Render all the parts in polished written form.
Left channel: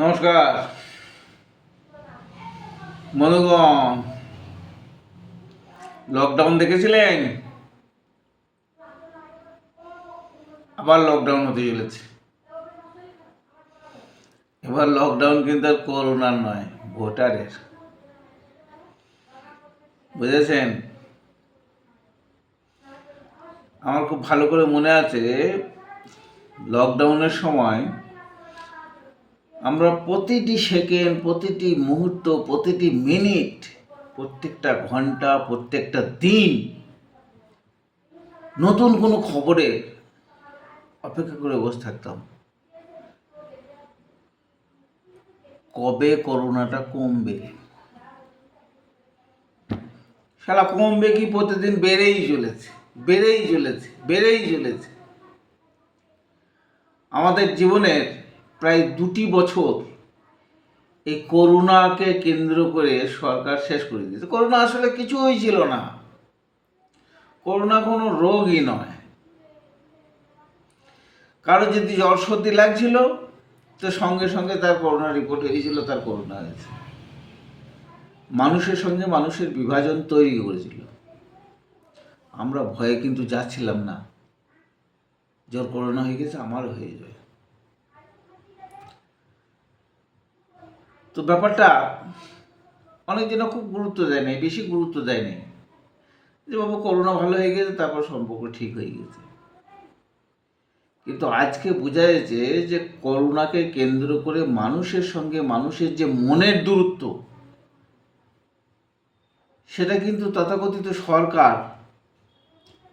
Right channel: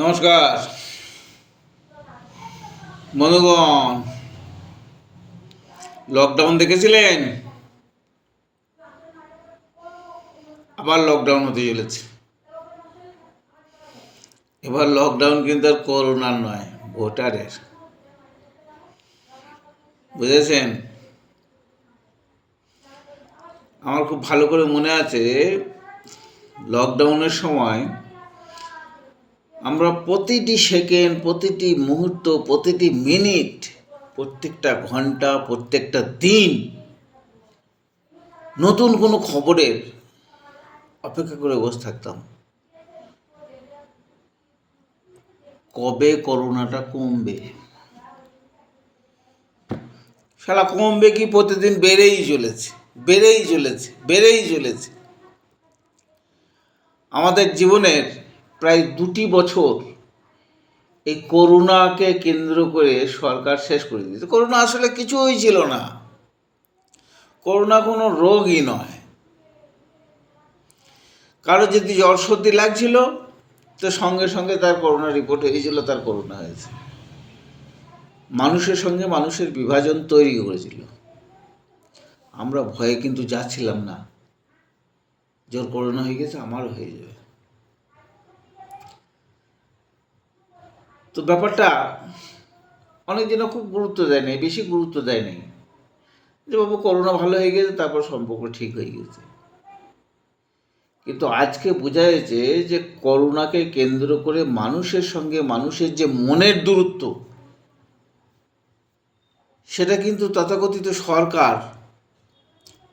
নমস্কার বন্ধুগণ। লকডাউন দেখেছিলেন? আবার লকডাউন হতে চলেছে। এবার লকডাউন কিন্তু আর করোনার নয়, ভোটারের। বুঝেছেন? আমার খুব ভালো করে মনে আছে, লকডাউনের সময় আমরা প্রতিটি সেকেন্ড, প্রতিটি মুহূর্ত, প্রতিটি মিনিট, প্রত্যেকটা ঘন্টা, প্রত্যেকটা দিন নতুন কোনো খবরের অপেক্ষা করে বসে থাকতাম। কবে করোনাটা কমবে? শালা কমবে কি, প্রতিদিন বেড়েই চলেছে, বেড়েই চলেছে, বেড়েই চলেছে। আমাদের জীবনের প্রায় 2 বছর এই করোনাকে কেন্দ্র করে সরকার শেষ করে দিয়েছে। করোনা আসলে কিছুই ছিল না। করোনা কোনো রোগই নয়। কারো যদি জ্বর সর্দি লাগছিল, তো সঙ্গে সঙ্গে তার করোনা রিপোর্ট হয়েছিল, তার করোনা হয়েছে। মানুষের সঙ্গে মানুষের বিভাজন তৈরি করেছিল। আমরা ভয়ে কিন্তু যাচ্ছিলাম না, যার করোনা হয়ে গেছে আমারও হয়ে যাবে। তো ব্যাপারটা অনেকজন খুব গুরুত্ব দেয় নাই, বেশি গুরুত্ব দেয় নাই, যে বাবু করোনা ভালো হয়ে গেছে, তারপর সম্পর্ক ঠিক হয়ে গেছে। কিন্তু আজকে বোঝা যাচ্ছে যে করোনাকে কেন্দ্র করে মানুষের সঙ্গে মানুষের যে মনের দূরত্ব, সেটা কিন্তু তথাকথিত সরকার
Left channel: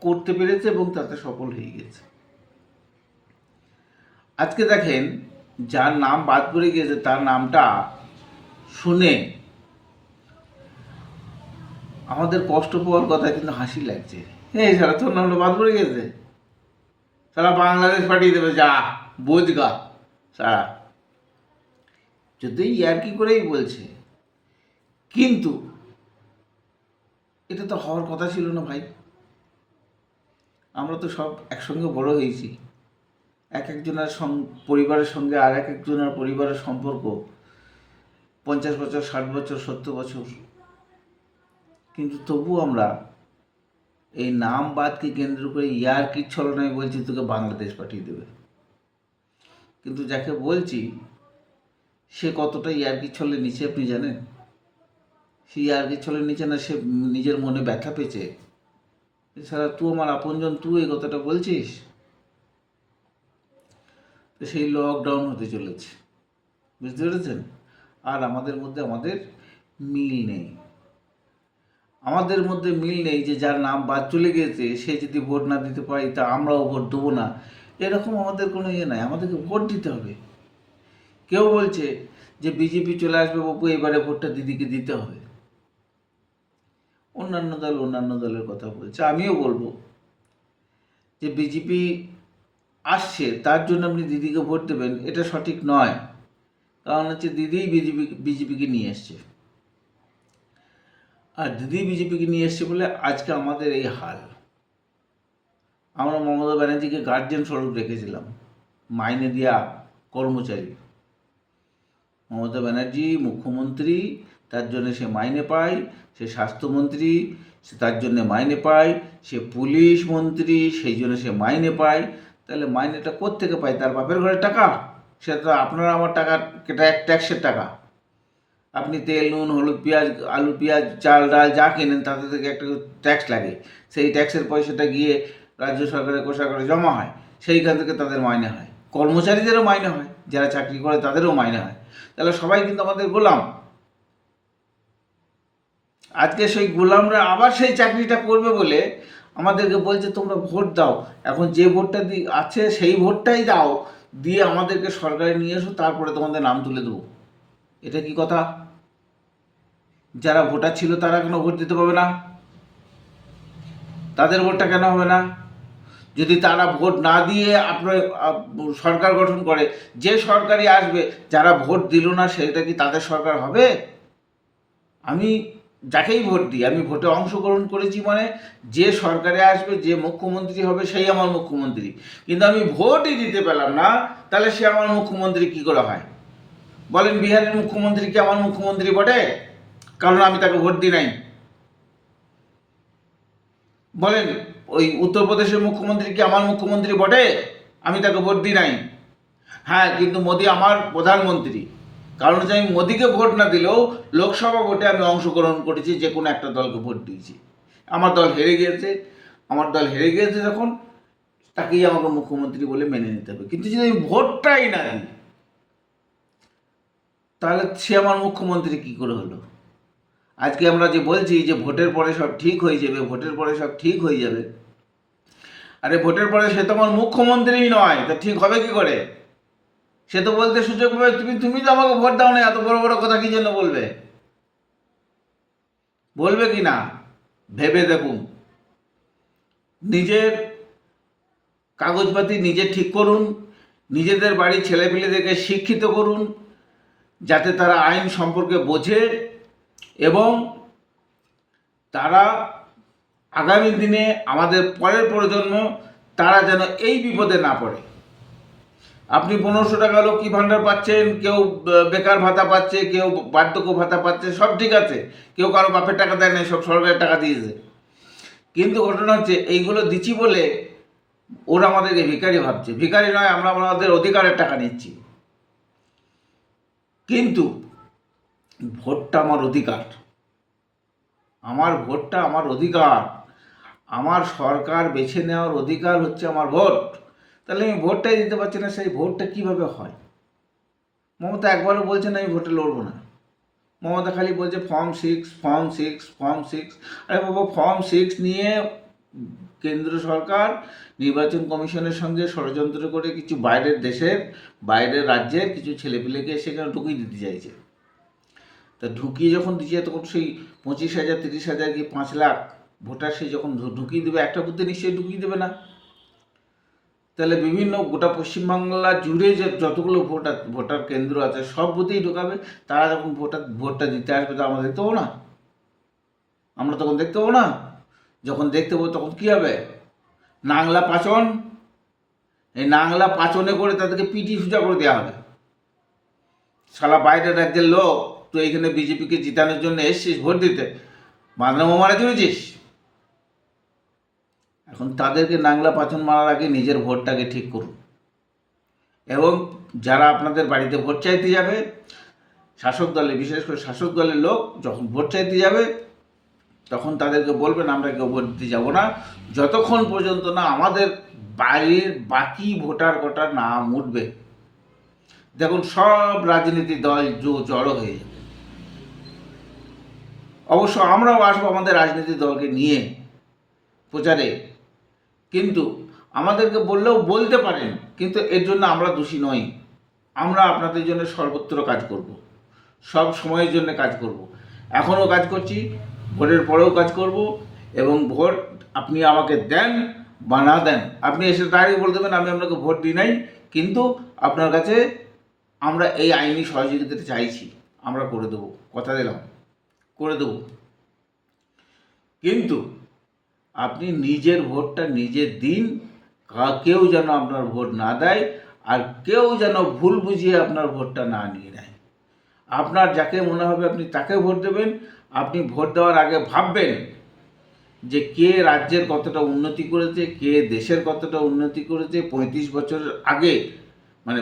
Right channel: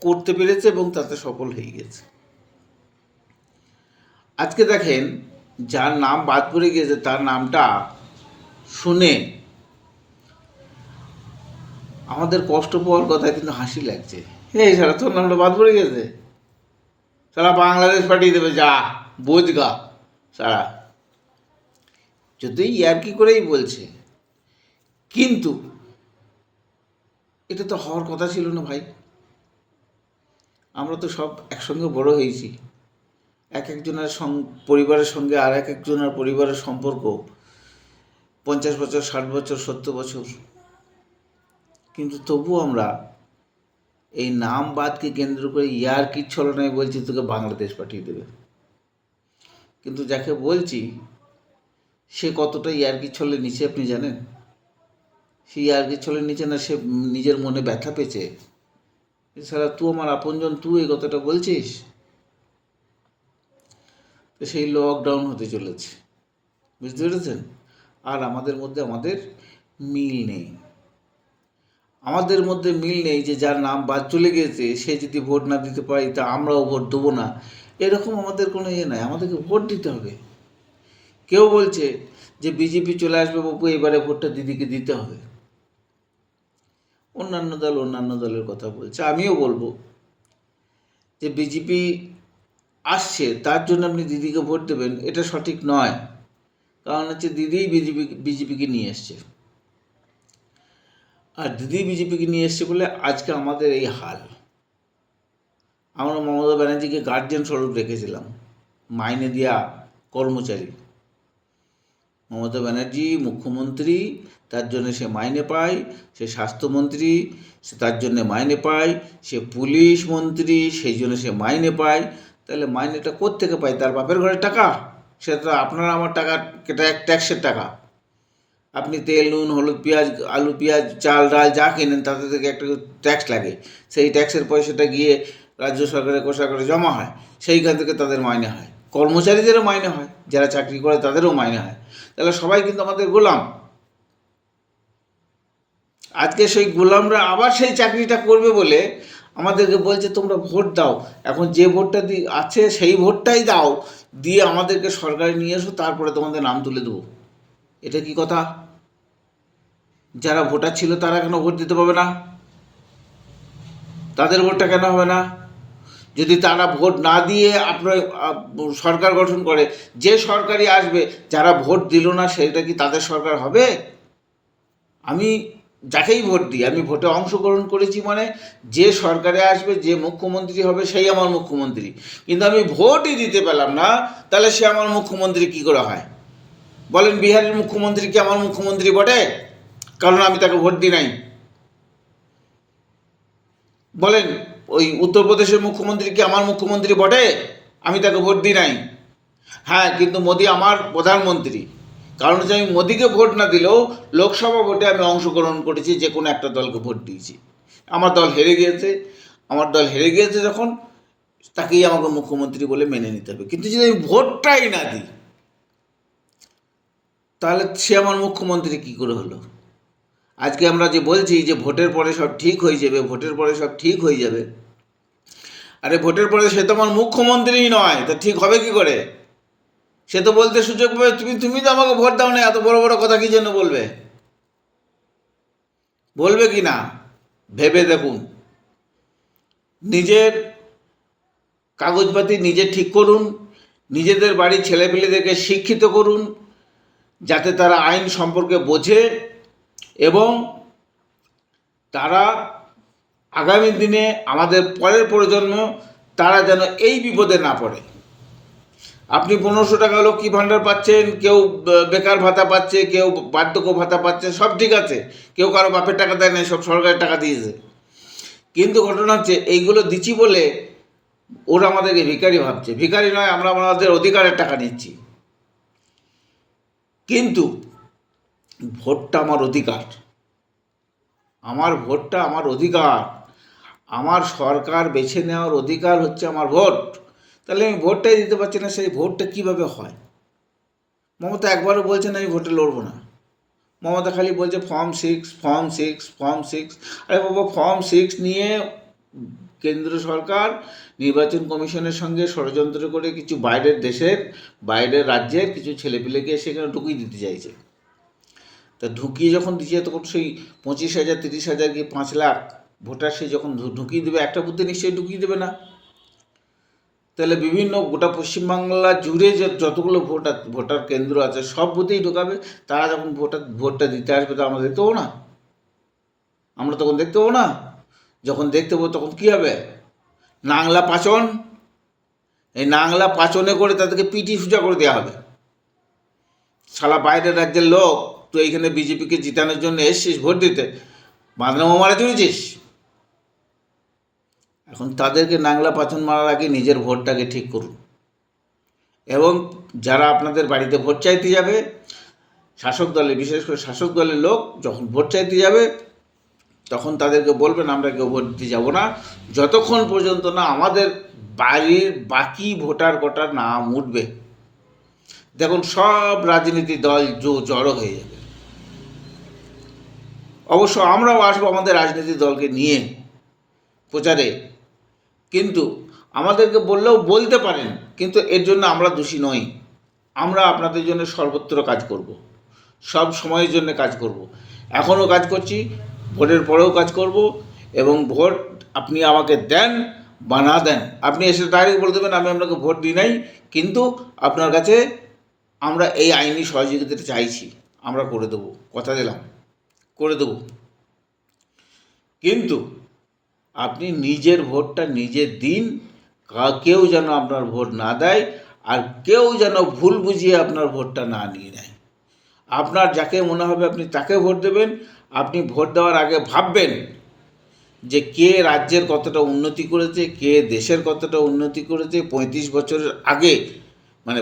করতে পেরেছে এবং তাতে সফল হয়ে গেছে। আজকে দেখেন, যার নাম বাদ পড়ে গিয়েছে তার নামটা শুনে আমাদের কষ্ট পাওয়ার কথা কিন্তু হাসি লাগছে। এই সারা তোর নামটা বাদ পড়ে গেছে, সারা বাংলাদেশ পাঠিয়ে দেবে, যা বোঝগা সারা। যদিও ইয়ার্কি করেই বলছে, কিন্তু এটা তো হওয়ার কথা ছিল না ভাই। আমরা তো সব একসঙ্গে বড় হয়েছি। এক একজনের পরিবারের সঙ্গে আর এক একজনের পরিবারের সম্পর্ক 50 বছর, 60 বছর, 70 বছর। কিন্তু তবু আমরা এই নাম বাদকে কেন্দ্র করে ইয়ার্কির ছলনায় বলছি তোকে বাংলাদেশ পাঠিয়ে দেবে। কিন্তু যাকে বলছি সে কতটা ইয়ার্কির ছলে নিচে আপনি জানেন? সে ইয়ার্কির ছলে নিচে না, সে নিজের মনে ব্যথা পেয়েছে। এছাড়া তুই আমার আপনজন, তুই এই কথাটা বলছিস। তো সেই লকডাউন হতে চলেছে, বুঝতে পেরেছেন? আর আমাদের মধ্যে মিল নেই। আমাদের মধ্যে মিল নেই যে যার নাম বাদ চলে গেছে সে যদি ভোট না দিতে পারি তা আমরাও ভোট দেবো না, এরকম আমাদের কোনো ইয়ে নাই। আমাদেরকে ভোট দিতে হবে। কেউ বলছে যে বিজেপি চলে আসবে বাবু, এবারে ভোটটা দিদিকে দিতে হবে। অন্যান্য দল অন্যান্য দলের কথা বলছে, আমিও বলবো যে বিজেপি আসছে তার জন্য আপনি দিদিকে ভোট দেবেন, এটা সঠিক নয়। কারণ হচ্ছে দিদিই বিজেপিকে নিয়ে এসছে, আর দিদি বিজেপিকে নিয়ে এসছে বলে আজকে আমাদের এই হাল। আমরা মমতা ব্যানার্জিকে গার্জিয়ান স্বরূপ রেখেছিলাম, মাইনে দেওয়া কর্মচারী। মমতা ব্যানার্জি মুখ্যমন্ত্রী, তার জন্য সে মাইনে পায়। সে স্বাস্থ্যমন্ত্রী, সে তার জন্য মাইনে পায়। সে পুলিশ মন্ত্রী, সেই জন্য সে মাইনে পায়। তাহলে মাইনেটা কোত্থেকে পায়? তার বাপের ঘরের টাকা? সেটা তো আপনারা আমার টাকা, ট্যাক্সের টাকা। আপনি তেল, নুন, হলুদ, পেঁয়াজ, আলু, পেঁয়াজ, চাল, ডাল যা কেনেন তাতে থেকে একটা ট্যাক্স লাগে। সেই ট্যাক্সের পয়সাটা গিয়ে রাজ্য সরকারের কোষাগারে জমা হয়, সেইখান থেকে তাদের মাইনে হয়। কর্মচারীদেরও মাইনে হয়, যারা চাকরি করে তাদেরও মাইনে হয়। তাহলে সবাই কিন্তু আমাদের গোলাম। আজকে সেই গোলামরা আবার সেই চাকরিটা করবে বলে আমাদেরকে বলছে তোমরা ভোট দাও। এখন যে ভোটটা আছে সেই ভোটটাই দাও, দিয়ে আমাদেরকে সরকারে নিয়ে এসো, তারপরে তোমাদের নাম তুলে দেবো। এটা কি কথা? যারা ভোটার ছিল তারা কেন ভোট দিতে পারবে না? তাদের ভোটটা কেন হবে না? যদি তারা ভোট না দিয়ে আপনার সরকার গঠন করে, যে সরকারই আসবে, যারা ভোট দিল না সেটা কি তাদের সরকার হবে? আমি যাকেই ভোট দিই, আমি ভোটে অংশগ্রহণ করেছি মানে যে সরকারে আসবে, যে মুখ্যমন্ত্রী হবে সেই আমার মুখ্যমন্ত্রী। কিন্তু আমি ভোটই দিতে পেলাম না, তাহলে সে আমার মুখ্যমন্ত্রী কি করে হয়? বলেন বিহারের মুখ্যমন্ত্রী কি আমার মুখ্যমন্ত্রী বটে? কারণ আমি তাকে ভোট দিই নাই। বলেন ওই উত্তরপ্রদেশের মুখ্যমন্ত্রী কি আমার মুখ্যমন্ত্রী বটে? আমি তাকে ভোট দিই নাই। হ্যাঁ, কিন্তু মোদি আমার প্রধানমন্ত্রী। কারণ হচ্ছে আমি মোদিকে ভোট না দিলেও লোকসভা ভোটে আমি অংশগ্রহণ করেছি, যে কোনো একটা দলকে ভোট দিয়েছি। আমার দল হেরে গিয়েছে যখন, তাকেই আমাকে মুখ্যমন্ত্রী বলে মেনে নিতে হবে। কিন্তু যদি আমি ভোটটাই না দিই, তাহলে সে আমার মুখ্যমন্ত্রী কি করে হলো? আজকে আমরা যে বলছি যে ভোটের পরে সব ঠিক হয়ে যাবে, আরে ভোটের পরে সে তো আমার মুখ্যমন্ত্রীই নয়, তা ঠিক হবে কি করে? সে তো বলতে সুযোগ পাবে তুমি তো আমাকে ভোট দাও না, এত বড় বড় কথা কি জন্য বলবে কি না? ভেবে দেখুন, নিজের কাগজপাতি নিজে ঠিক করুন, নিজেদের বাড়ির ছেলেপিলেদেরকে শিক্ষিত করুন, যাতে তারা আইন সম্পর্কে বোঝে এবং তারা আগামী দিনে আমাদের পরের প্রজন্ম তারা যেন এই বিপদে না পড়ে। আপনি 1500 টাকা লক্ষ্মী ভাণ্ডার পাচ্ছেন, কেউ বেকার ভাতা পাচ্ছে, কেউ বার্ধক্য ভাতা পাচ্ছে, সব ঠিক আছে। কেউ কারো বাপের টাকা দেয় না, সব সরকারের টাকা দিয়েছে। কিন্তু ঘটনা হচ্ছে এইগুলো দিচ্ছি বলে ওরা আমাদেরকে ভিখারি ভাবছে। ভিখারি নয়, আমরা আমাদের অধিকারের টাকা নিচ্ছি। কিন্তু ভোটটা আমার অধিকার, আমার সরকার বেছে নেওয়ার অধিকার হচ্ছে আমার ভোট। তাহলে আমি ভোটটাই দিতে পারছি না, সেই ভোটটা কিভাবে হয়? মমতা একবারও বলছে না আমি ভোটে লড়বো না। মমতা খালি বলছে ফর্ম 6। আরে বাবা, ফর্ম 6 নিয়ে কেন্দ্র সরকার নির্বাচন কমিশনের সঙ্গে ষড়যন্ত্র করে কিছু বাইরের রাজ্যের কিছু ছেলেপিলেকে সেখানে ঢুকিয়ে দিতে চাইছে। তা ঢুকিয়ে যখন দিচ্ছে তখন সেই 25,000, 30,000 কি 5 লাখ ভোটার সে যখন ঢুকিয়ে দেবে, একটা বুথে নিশ্চয়ই ঢুকিয়ে দেবে না। তাহলে বিভিন্ন গোটা পশ্চিমবাংলা জুড়ে যতগুলো ভোটার কেন্দ্র আছে সব বুথেই ঢোকাবে। তারা যখন ভোটটা দিতে আসবে তো আমরা দেখতে পাবো না? যখন দেখতে পাবো তখন কী হবে? নাংলা পাচন, এই নাংলা পাচনে করে তাদেরকে পিটি সোজা করে দেওয়া হবে। শালা বাইরের রাজ্যের লোক, তো এইখানে বিজেপিকে জিতানোর জন্য এসছিস ভোট দিতে, বাঁধনা মারা চলেছিস। এখন তাদেরকে নাংলা পাচন মারার আগে নিজের ভোটটাকে ঠিক করুন। এবং যারা আপনাদের বাড়িতে ভোট চাইতে যাবে, বিশেষ করে শাসক দলের লোক যখন ভোট চাইতে যাবে, তখন তাদেরকে বলবেন আমরা কেউ ভোট দিতে যাব না যতক্ষণ পর্যন্ত না আমাদের বাড়ির বাকি ভোটার কোটার নাম উঠবে। দেখুন, সব রাজনীতি দল জড়ো হয়ে যাবে। অবশ্য আমরাও আসবো আমাদের রাজনীতি দলকে নিয়ে প্রচারে, কিন্তু আমাদেরকে বললেও বলতে পারেন, কিন্তু এর জন্য আমরা দোষী নই। আমরা আপনাদের জন্য সর্বত্র কাজ করব, সব সময়ের জন্য কাজ করব, এখনও কাজ করছি, ভোটের পরেও কাজ করব। এবং ভোট আপনি আমাকে দেন বা না দেন, আপনি এসে ডাইরেক্ট বলে দেবেন আমি আপনাকে ভোট দিই নাই, কিন্তু আপনার কাছে আমরা এই আইনি সহযোগিতাটা চাইছি, আমরা করে দেবো, কথা দিলাম করে দেবো। কিন্তু আপনি নিজের ভোটটা নিজে দিন, কেউ যেন আপনার ভোট না দেয়, আর কেউ যেন ভুল বুঝিয়ে আপনার ভোটটা না নিয়ে নেয়। আপনার যাকে মনে হবে আপনি তাকে ভোট দেবেন। আপনি ভোট দেওয়ার আগে ভাববেন যে কে রাজ্যের কতটা উন্নতি করেছে, কে দেশের কতটা উন্নতি করেছে। 35 বছরের আগে, মানে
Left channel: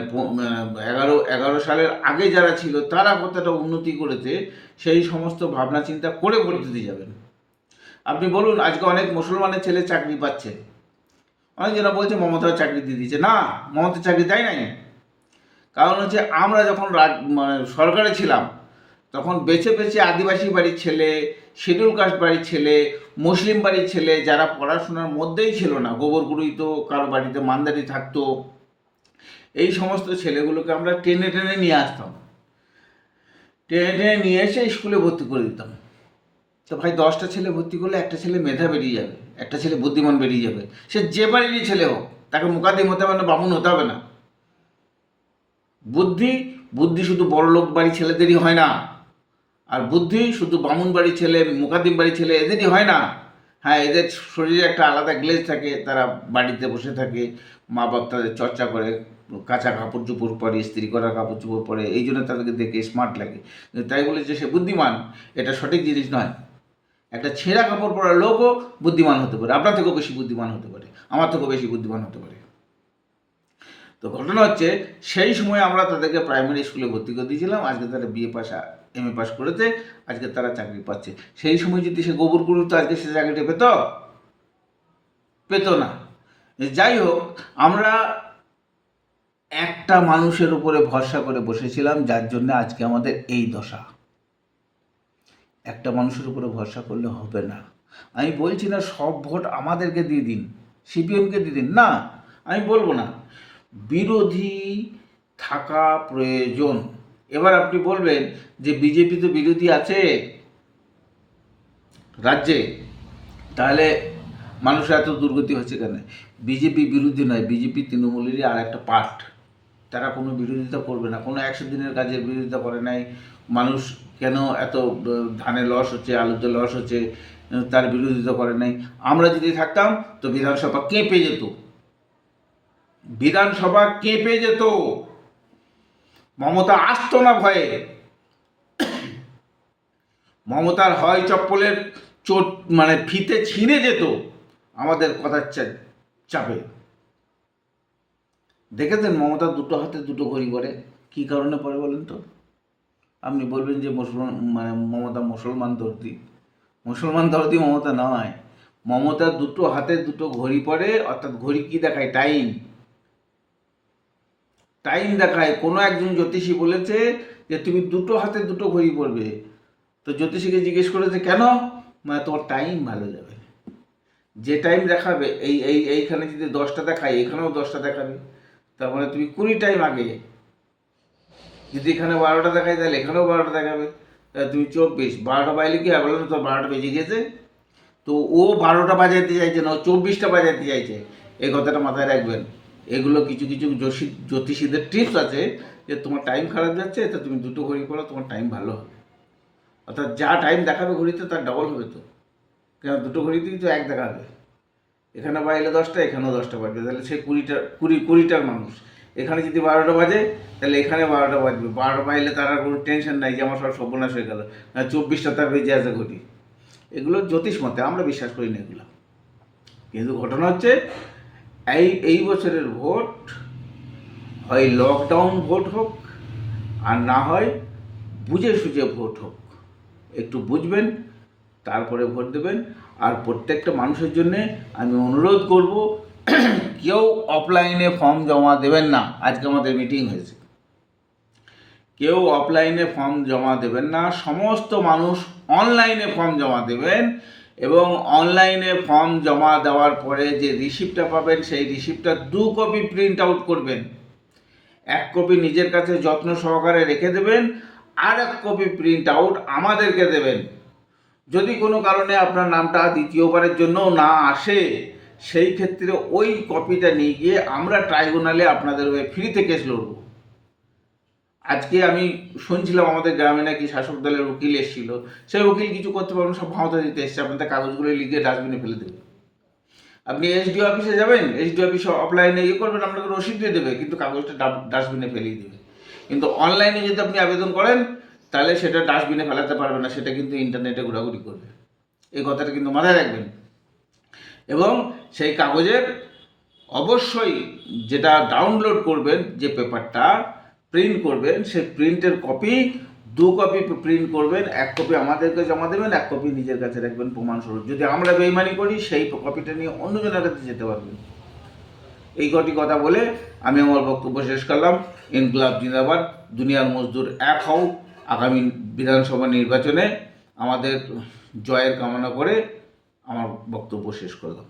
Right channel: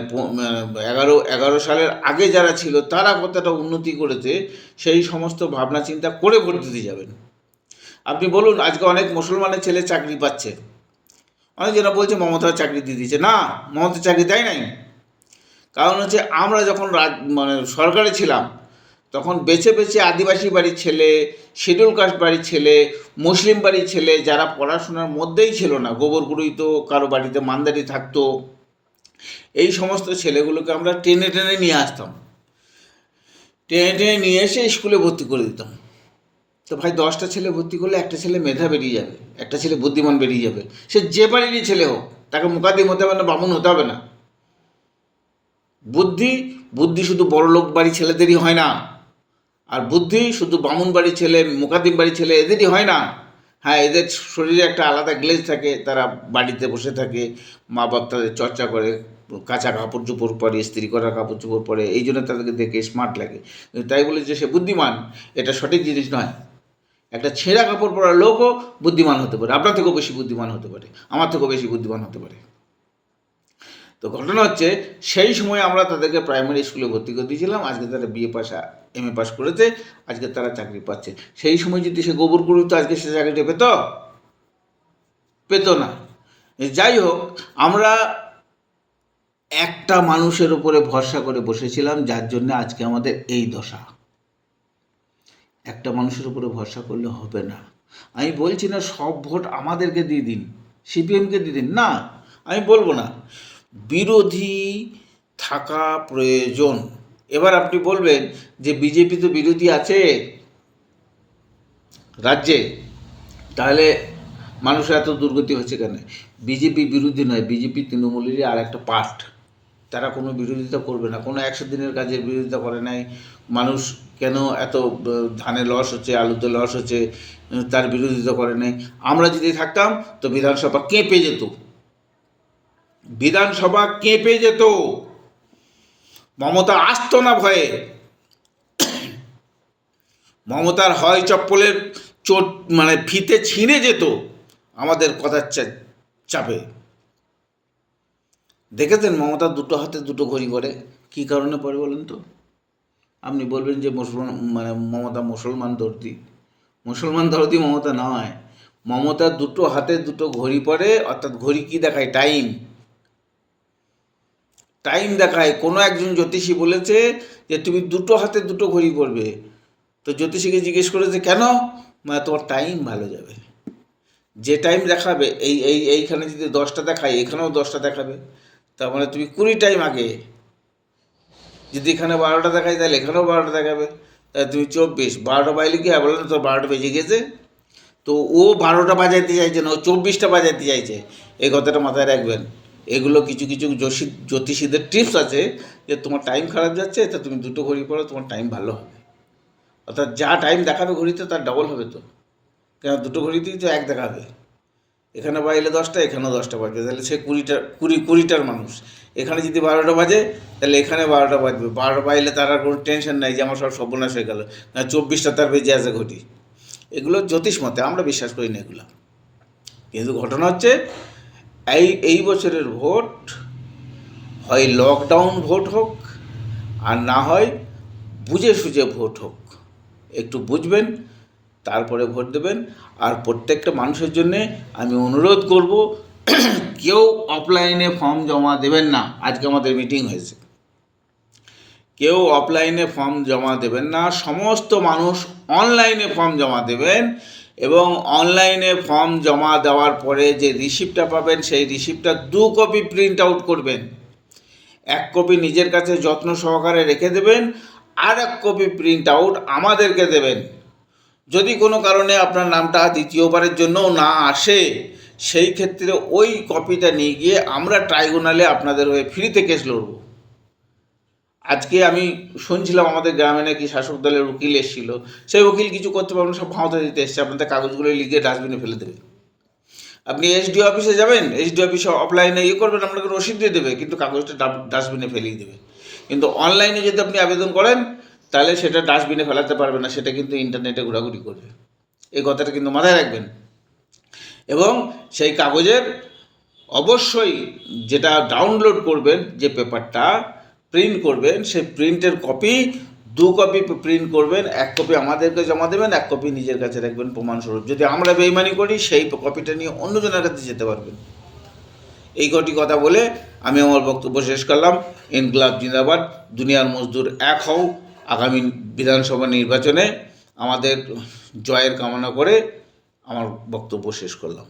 11 সালের আগে যারা ছিল তারা কতটা উন্নতি করেছে, সেই সমস্ত ভাবনা চিন্তা করে ভোট দিতে যাবেন। আপনি বলুন, আজকে অনেক মুসলমানের ছেলে চাকরি পাচ্ছে, অনেকজনা বলছে মমতা চাকরি দিয়ে দিয়েছে। না, মমতা চাকরি দেয় নাই। কারণ হচ্ছে আমরা যখন সরকারে ছিলাম তখন বেছে বেছে আদিবাসী বাড়ির ছেলে, শিডিউল কাস্ট বাড়ির ছেলে, মুসলিম বাড়ির ছেলে, যারা পড়াশোনার মধ্যেই ছিল না, গোবর গুঁড়িত, কারো বাড়িতে মান্দারি থাকতো, এই সমস্ত ছেলেগুলোকে আমরা টেনে টেনে নিয়ে আসতাম, নিয়ে এসে স্কুলে ভর্তি করে দিতাম। তো ভাই, 10টা ছেলে ভর্তি করলে একটা ছেলে মেধা বেরিয়ে যাবে, একটা ছেলে বুদ্ধিমান বেরিয়ে যাবে। সে যে বাড়িরই ছেলে হোক, তাকে মুকাদ্দিম হতে হবে না, বামুন হতে হবে না। বুদ্ধি শুধু বড় লোক বাড়ির ছেলেদেরই হয় না, আর বুদ্ধি শুধু বামুন বাড়ির ছেলে, মুকাদ্দিম বাড়ির ছেলে এদেরই হয় না। হ্যাঁ, এদের শরীরে একটা আলাদা গ্লেজ থাকে, তারা বাড়িতে বসে থাকে, মা বাপ তাদের চর্চা করে, কাঁচা কাপড় চোপড় পরে, ইস্ত্রি করা কাপড় চোপড় পরে, এই জন্য তাদেরকে দেখে স্মার্ট লাগে। তাই বলে যে সে বুদ্ধিমান, এটা সঠিক জিনিস নয়। একটা ছেঁড়া কাপড় পরা লোকও বুদ্ধিমান হতে পারে, আপনার থেকেও বেশি বুদ্ধিমান হতে পারে, আমার থেকেও বেশি বুদ্ধিমান হতে পারে। তো ঘটনা হচ্ছে, সেই সময় আমরা তাদেরকে প্রাইমারি স্কুলে ভর্তি করে দিয়েছিলাম। আজকে তারা বিএ পাস, এমএ পাস করেছে, আজকে তারা চাকরি পাচ্ছে। সেই সময় যদি সে গোবর করতো, আজকে সে চাকরিটা পেত না। যাই হোক, আমরা একটা মানুষের উপরে ভরসা করে বসেছিলাম, যার জন্য আজকে আমাদের এই দশা। একটা মানুষের উপরে ভরসা করলে হবে না। আমি বলছি না সব ভোট আমাদেরকে দিয়ে দিন, সিপিএমকে দিয়ে দিন, না, আমি বলবো না। বিরোধী থাকা প্রয়োজন। এবার আপনি বলবেন যে বিজেপি তো বিরোধী আছে রাজ্যে, তাহলে মানুষের এত দুর্গতি হচ্ছে কেন? বিজেপি বিরোধী নয়, বিজেপি তৃণমূলেরই আর একটা পার্ট। তারা কোনো বিরোধিতা করবে না, কোনো 100 দিনের কাজের বিরোধিতা করে নাই। মানুষ কেন এত ধানে লস হচ্ছে, আলুতে লস হচ্ছে, তার বিরোধিতা করে নাই। আমরা যদি থাকতাম তো বিধানসভা কেঁপে যেত, বিধানসভা কেঁপে যেত। মমতা আসতো না ভয়ে, মমতার হয় চপ্পলের চোট মানে ফিতে ছিঁড়ে যেত আমাদের কথার চাপে। দেখেছেন মমতা দুটো হাতে দুটো ঘড়ি করে, কী কারণে পরে বলেন তো? আপনি বলবেন যে মমতা মুসলমান দর্দি। মুসলমান দর্দি মমতা নয়, মমতা দুটো হাতে দুটো ঘড়ি পরে, অর্থাৎ ঘড়ি কি দেখায়? টাইম দেখায়। কোনো একজন জ্যোতিষী বলেছে যে তুমি দুটো হাতে দুটো ঘড়ি পরবে। তো জ্যোতিষীকে জিজ্ঞেস করেছে কেন? তোমার টাইম ভালো যাবে। যে টাইম দেখাবে, এইখানে যদি 10টা দেখায়, এখানেও 10টা দেখাবে। তার মানে তুমি 20 টাইম আগে। যদি এখানে 12টা দেখায়, তাহলে এখানেও 12টা দেখাবে, তাহলে তুমি 24। 12টা বাজলে কি বলো না, তোর 12টা বেজে গেছে। তো ও 12টা বাজাইতে চাইছে না, ও 24টা বাজাইতে চাইছে। এই কথাটা মাথায় রাখবেন। এগুলো কিছু কিছু জ্যোতিষীদের টিপস আছে যে তোমার টাইম খারাপ যাচ্ছে, তো তুমি দুটো ঘড়ি পড়ো, তোমার টাইম ভালো হবে। অর্থাৎ যা টাইম দেখাবে ঘড়িতে তার ডবল হবে। তো কেন দুটো ঘড়িতেই তো এক দেখাবে, এখানে বাজলে 10টা, এখানেও 10টা বাজবে, তাহলে সে 20টার মানুষ। এখানে যদি 12টা বাজে, তাহলে এখানে 12টা বাজবে। 12টা বাজলে তার আর কোনো টেনশন নাই যে আমার সব সর্বনাশ হয়ে গেল, না 24টা তার বেজে আছে ঘটি। এগুলো জ্যোতিষ মতে, আমরা বিশ্বাস করি না এগুলো। কিন্তু ঘটনা হচ্ছে, এই বছরের ভোট হয় লকডাউন ভোট হোক, আর না হয় বুঝে সুঝে ভোট হোক। একটু বুঝবেন, তারপরে ভোট দেবেন। আর প্রত্যেকটা মানুষের জন্যে আমি অনুরোধ করব, কেউ অফলাইনে ফর্ম জমা দেবেন না। আজকে আমাদের মিটিং হয়েছে, কেউ অফলাইনে ফর্ম জমা দেবেন না, সমস্ত মানুষ অনলাইনে ফর্ম জমা দেবেন। এবং অনলাইনে ফর্ম জমা দেওয়ার পরে যে রিসিপ্টটা পাবেন, সেই রিসিপ্টটা 2 কপি প্রিন্ট আউট করবেন। 1 কপি নিজের কাছে যত্ন সহকারে রেখে দেবেন, আর 1 কপি প্রিন্ট আউট আমাদেরকে দেবেন। যদি কোনো কারণে আপনার নামটা দ্বিতীয়বারের জন্যও না আসে, সেই ক্ষেত্রে ওই কপিটা নিয়ে গিয়ে আমরা ট্রাইব্যুনালে আপনাদের হয়ে ফ্রিতে কেস লড়ব। আজকে আমি শুনছিলাম আমাদের গ্রামে নাকি শাসক দলের উকিল এসেছিল, সেই উকিল কিছু করতে পারবেন, সব ভাঁওতা দিতে এসছে, আপনাদের কাগজগুলো লিখে ডাস্টবিনে ফেলে দেবে। আপনি এসডিও অফিসে যাবেন, এসডিও অফিসে অফলাইনে করবেন, আপনাকে রসিদ দিয়ে দেবে, কিন্তু কাগজটা ডাস্টবিনে ফেলেই দেবে। কিন্তু অনলাইনে যদি আপনি আবেদন করেন, তাহলে সেটা ডাস্টবিনে ফেলাতে পারবে না, সেটা কিন্তু ইন্টারনেটে ঘোরাঘুরি করবে। এই কথাটা কিন্তু মাথায় রাখবেন। এবং সেই কাগজের অবশ্যই যেটা ডাউনলোড করবেন, যে পেপারটা প্রিন্ট করবেন, সেই প্রিন্টের কপি 2 কপি প্রিন্ট করবেন। 1 কপি আমাদেরকে জমা দেবেন, 1 কপি নিজের কাছে রাখবেন প্রমাণস্বরূপ। যদি আমরা বেইমানি করি, সেই কপিটা নিয়ে অন্যজনের কাছে যেতে পারবেন। এই কটি কথা বলে আমি আমার বক্তব্য শেষ করলাম। ইনকলাব জিন্দাবাদ, দুনিয়ার মজদুর এক হও। আগামী বিধানসভা নির্বাচনে আমাদের জয়ের কামনা করে আমার বক্তব্য শেষ করলাম।